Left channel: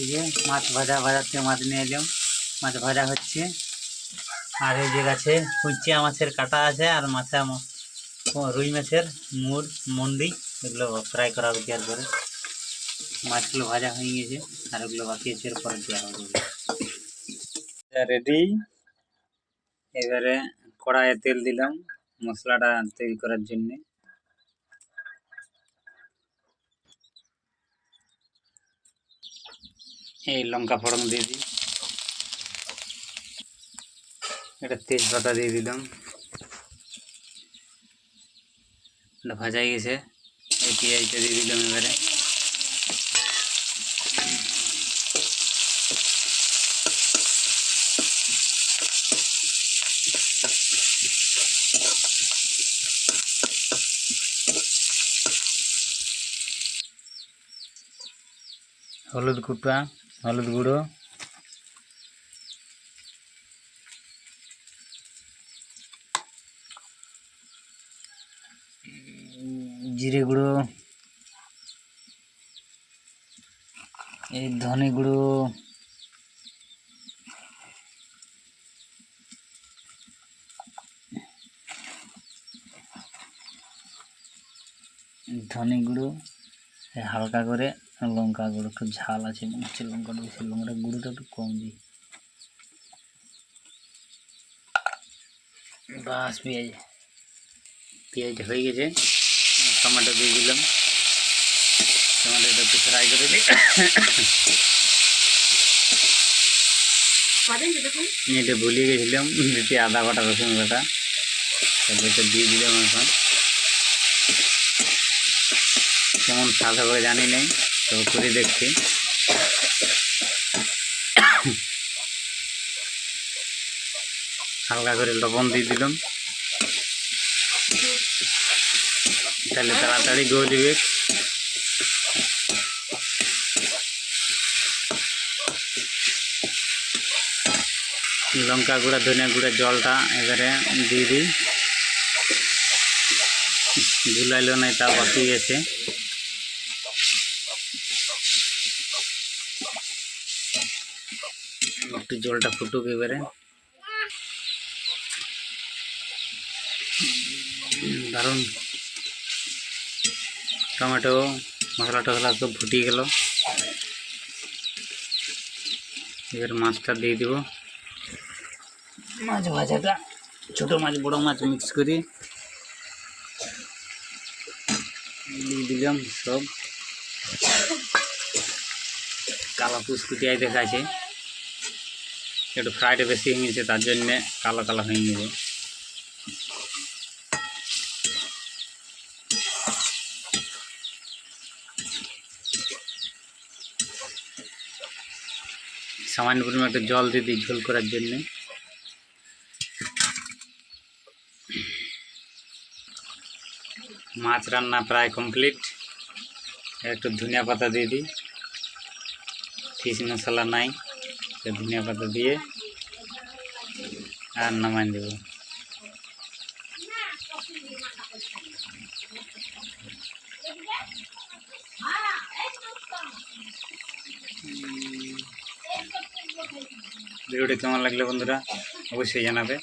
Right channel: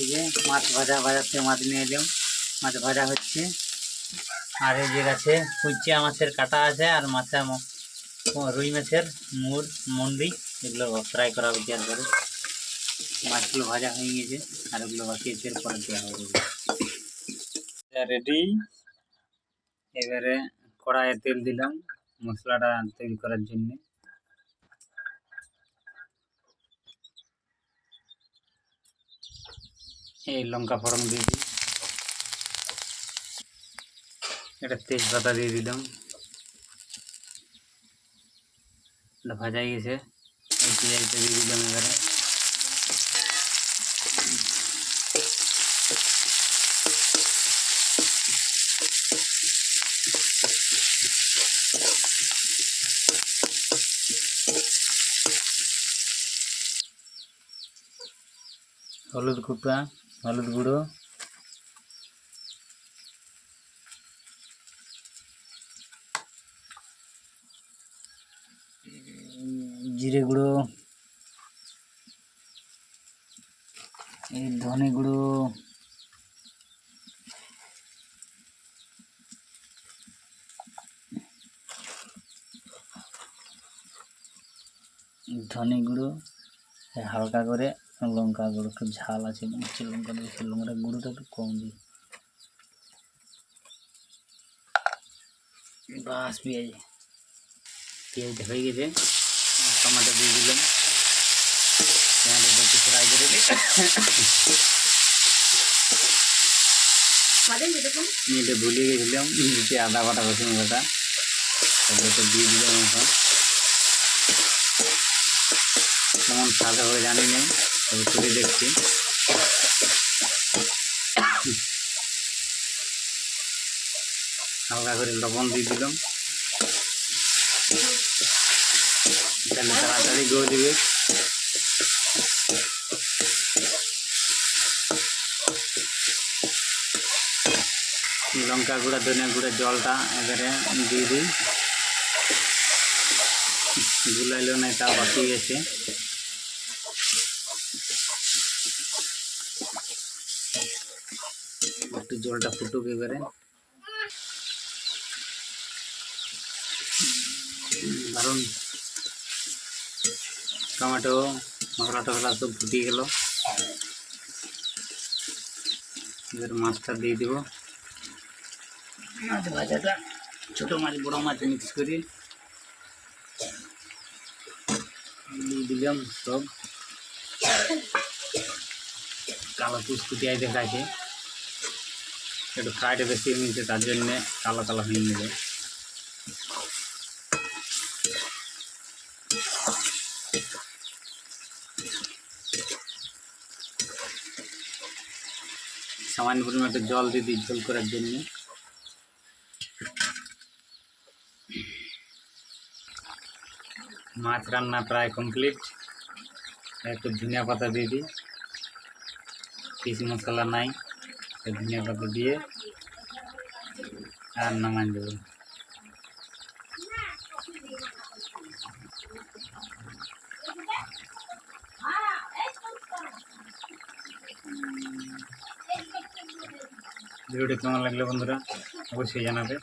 এই যে মাছ বাজার থেকে মাছ নিয়ে এলাম, মাছ ভাজা হচ্ছে। আর এই যে গাছে কুচিয়া মাছের কাটা আছে, আর রুই মাছের মন্ডি, এগুলো ফ্রাই করা হবে দেওয়ার পরে। মাছগুলো ভাজা হয়ে গেছে, আর ওগুলো বাকি আছে, এরপরে দেওয়া হবে। রেডি। এবারে কড়াইয়ে তেল দিলাম মশলাটা তৈরি করার জন্য। এই লঙ্কা ফোড়ন দিয়ে দিই, এটা তেজপাতা দিয়ে দিলাম, এটা ভাজা হয়ে গেছে। এই পেঁয়াজটা দিয়ে দিলাম। এবারে হলুদ গুঁড়ো, জিরে গুঁড়ো, এই ধনে গুঁড়ো, হালকা করে লঙ্কা গুঁড়ো, একটু ঝাল আছে মনে হচ্ছে লঙ্কাটা, বেশি লঙ্কাটা গুঁড়োটা একটু কম দিই। বাস পেঁয়াজটা হয়ে গেছে। টমেটো দিয়ে দিলাম, টমেটোটা একটু ফ্রাই করে দিই। এটা ভুলিয়ে গেছিলাম দিতে, আদা বাটা রসুন বাটা, তারপরে দিয়ে দিলাম। এখন কেমন স্বাদ হবে জানি নেই, তবে করে দেখছি। হালকা করে লবণ দিয়ে দিলাম, তাহলে তাড়াতাড়ি গলে যাবে। লঙ্কা গুঁড়া, ধনিয়া গুঁড়া, জলটা এবারে দিয়ে দিই। গুলাইলো নাই, তা বাকি আছে। একটু জলটা ফুটুক এবারে। দারুণ টমেটো মশলা টসলা সব ফুটিয়ে গেল। এবার মাছটা দিয়ে দিব। মাছ ভাজাটা ছোটো মাছ বড় মাছ মিক্স করে দিয়ে দিলাম সব। কালো কুচকুচি দেখাচ্ছে, একটু ফ্রাইটা বেশি হয়ে গেছে, তার জন্যে কালো কালো হয়ে গেছে। সামান্য পরিমাণ একটু জল দিয়ে দিই ঝোল করার জন্য। মাছ রান্না প্রায় কমপ্লিট। একটু ধনিয়া পাতা দিয়ে দিই, ফিশ মশলা নাই, ধনিয়া পাতা দিয়ে আর নামাই দেব। ভিডিওটি কেমন লাগলো বন্ধুরা অবশ্যই জানাবে।